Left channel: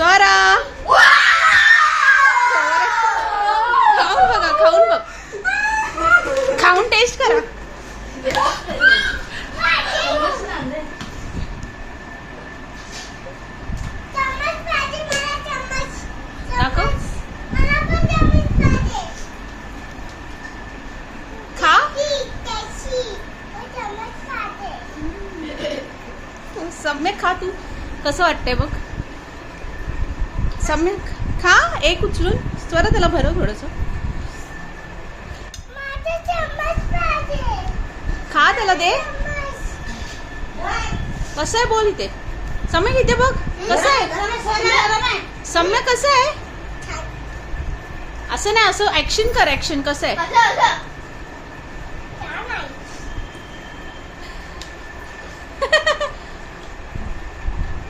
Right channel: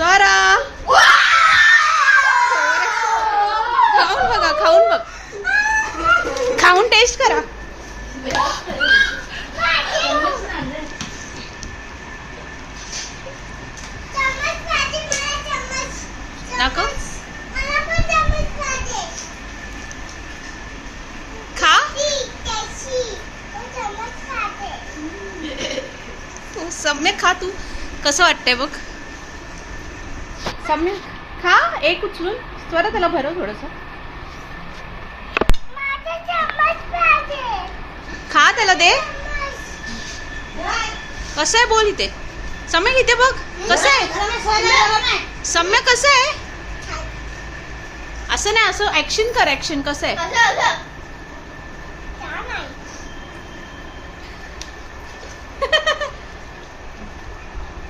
स्वरा खाऊन बघा, खाऊन बघ, खाऊन टेस्ट करा. दाखव. खा. सम्यक खा. तू कसं वाटतंय बघ. सम्यक खा. एक उचलून स्वरा त्याला भरव थोडस. खा, त्याला दे. कसं आहे बोल इथे. सम्यक इथे बघ कसं आहे. सम्यक कसं आहे. असं नाही, असं ऍक्शन कर. ऍक्शन कसं आहे.